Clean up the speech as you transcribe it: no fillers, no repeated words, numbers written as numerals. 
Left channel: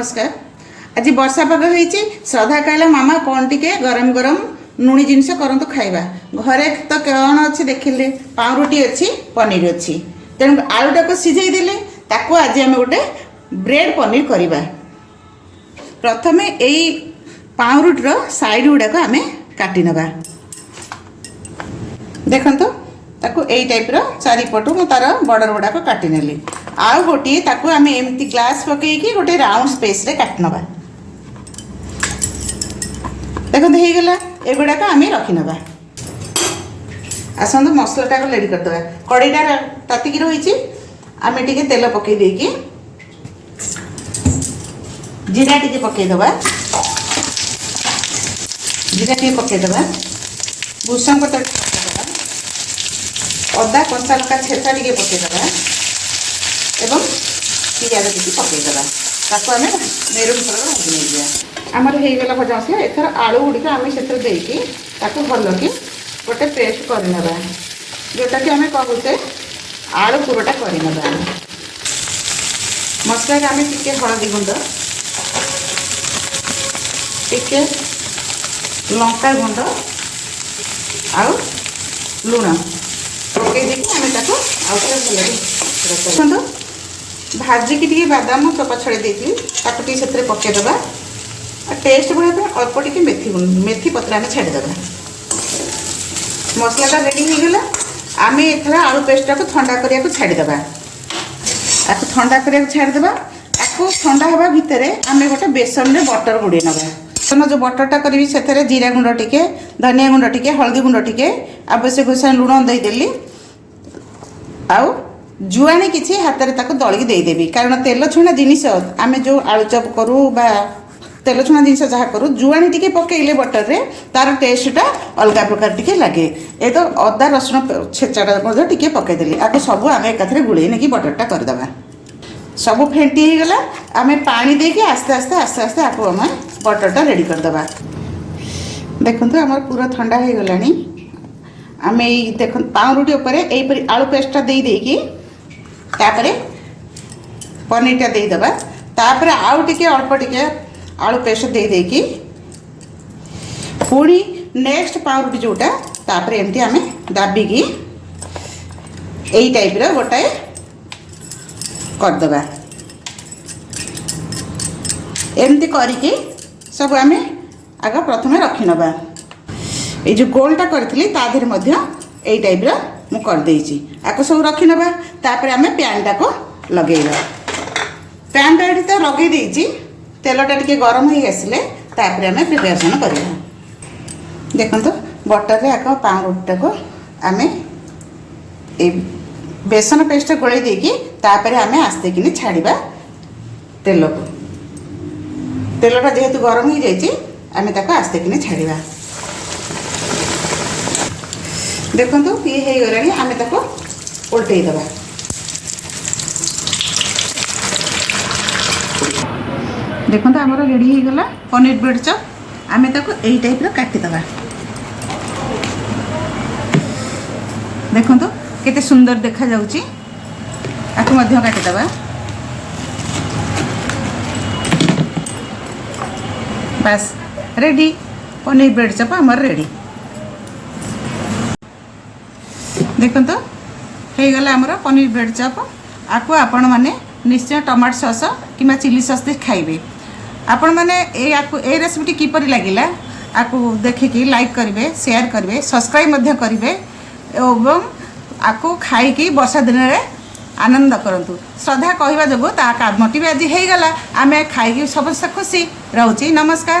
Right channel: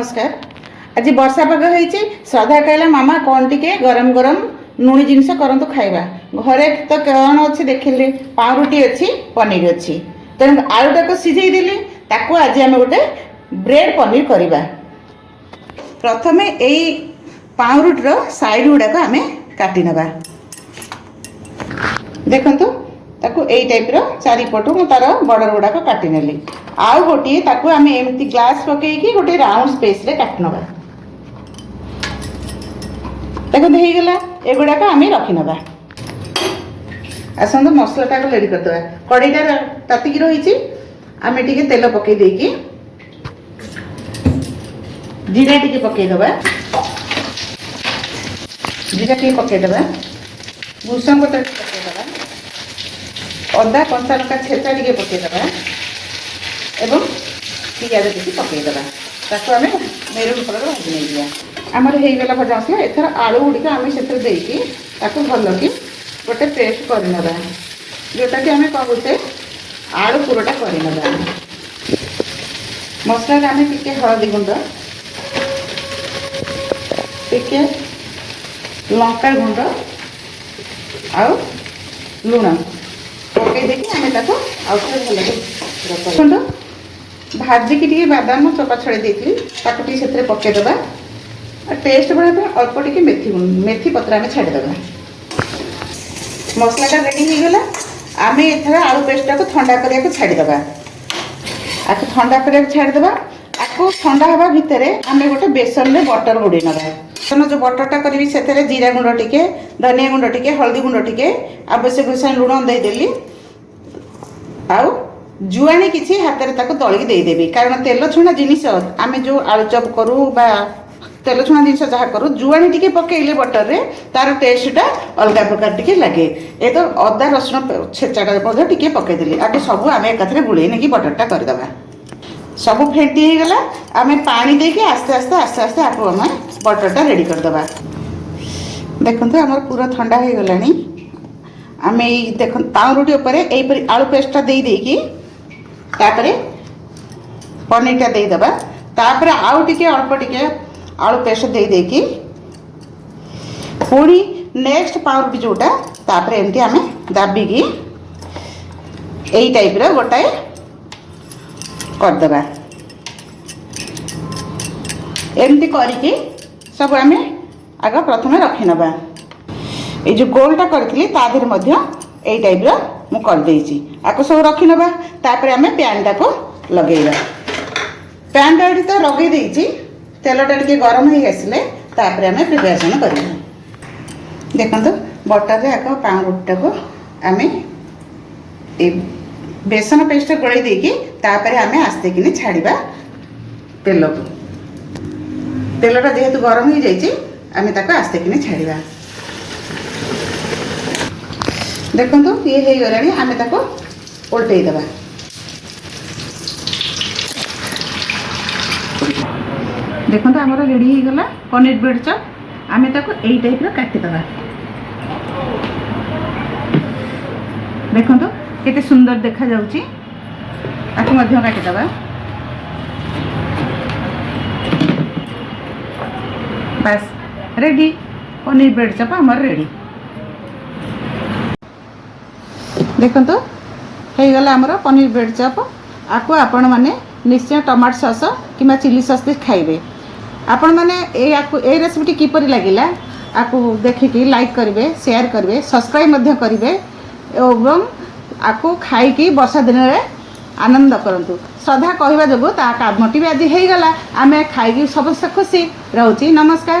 नमस्कार। आज वर्षा पाग होइछि। श्रद्धा कहला मामा कौन टिके गरम गरम नुणी जिनस करंतु खाइबा। घरे तो कौन अच्छे देखिले पाउरुटी अच्छी पनीर अच्छी तेणु आलूटा को सिझेई देली ताको आज आम गोटे ब्रेड पनीर करवा। प्रथमे यही पाउरुटीर साइड गुड़ाक आम काटी नबा। देखंतु ताको एई टाइप रो चारिपटू मु तार बॉर्डर गुड़ाक काटी नेली। आउ गोटे ताको आम एमती ग्लास पकईकी गोटे राउंड स्पेस रे काटी नबा। देखंतु हे गेला एगुड़ाक आम रखी नबा। आसंतु मसलाटा रेडी कर दबा। कड़ईटा तातिकी रही आम टिके तेल पकई देकी जीरा टिके पकई दबा। जीरा टिके पकई दबा। भूसंग पत्र पकई दबा। अदा कंचा लंका छेचा टिके पकई दबा एवं पियाज टिके पकई दबा। ताको आम मेरून कलर भाजी नहीं दिया। आमर हो गला भजा मसला। एथर आलू गुड़िक आम से देकी ताको भल कि गोटे पेस्ट करनेबा जोटा कि आम कहते आलू पुरटा करनेबा। मसला आम टिके हलदी गुंड टिके लंका गुंड आउ लुण पकई देकी आम ताको भल भाजिकी टी बादाम चोपा छड़ी देती से पकईदबा। टेस्ट बढ़ा अल्प टी मेथी पत्र आम छाड़देबा। मसलाटा रेडी हो गला। आम एथर आलू पेस्टा को ठंडा करने को छाड़देबा। आपको ठंडा करने को छाड़देबा। आपको ठंडा हवा भितर आम गोटे बेसन में बटर बुड़े नवा। बेसन जो बटरटा करी से जीरा गुंड टिके धनिया गुंड टिके हल्दी गुंड टिके आवश्यक अनुसार लुण देदेली। आउ जुआणी किसी हाथ में दलिकी देदेवी कारण तेल छुणा जिनिस आम जो आलू चप करूँ बा तेल छुणा जिन जहाँ करूँ जुआणी टी पकईले बटर रे तार टेस्टा अलग प्रकार टी लगे। ये तो अदा रसुण छेचाटा टी पकईदेली। आपको सब आम एक गुड़े नहीं बटरटा करदे सब फेंटी हो गला। आम पानी देके आस्ते आस्ते आस्ते आस्ते आपको आम बटरटा रेडी करदे। देखो आम पूरा ठंडा हो गला। आम देख पाउरुटी यहीपरी आलू पेस्टा देकी तापरे पनीरटा देदेबा। तापर आउ टिके अल्प टिके आलू पेस्ट देकी पुणी नेक्स्ट पाउरुटी जोटा तापर एमती आम दाबिकी यही टाइप रो गोटाए करदेबा। एमती करके सब आम आग प्रथम रखी नबा। ये जो गोलटा करी तादेर यही टाइप रो मु कर देइछि। आको सब रखी नबा। तापर आम पैनटा को लगेगा। पैनटा ये तो लगे देइछि। तेलटा टिके गरम हो आसिले तापर आम प्रिपरेशन करिया। देखंतु बटर रे आको पाउरुटा को आम ए बेसन पेस्ट गोळै देकी तापर आम आस्ते किने छाड़ीबा तेल को। तेलटा जेहेतु गरम हो जाइछि आम ताको आस्ते किने छाड़ीबा। देखंतु ये हो गलानी आम ताको उल्टई दबा। देखो आमर रेडी हो गला पनीर ब्रेड चप। आम ताको यही टाइप रो काटिदबा। देखो केते सुंदर देखा जाउची। आको मध्य काटिदबा। बस रेडी पनीर ब्रेड चप आमर रेडी। देखो हो गला आमर पनीर ब्रेड चप। आपको आपण माने निश्चय टमाटो सॉस कि चिली सॉस दे खाइबे। आपण माने ए रेसिपी किपरि लागिला आपको देखिकी लाइक करेंगे शेयर करेंगे सब्सक्राइब मध्य करेंगे एवं आपको खाई वर्षा दिन में आनंद करंतु। श्रद्धा कहवा जो मोटिव आज हो गला आम खाई समस्त खुशी रोची। नमस्कार।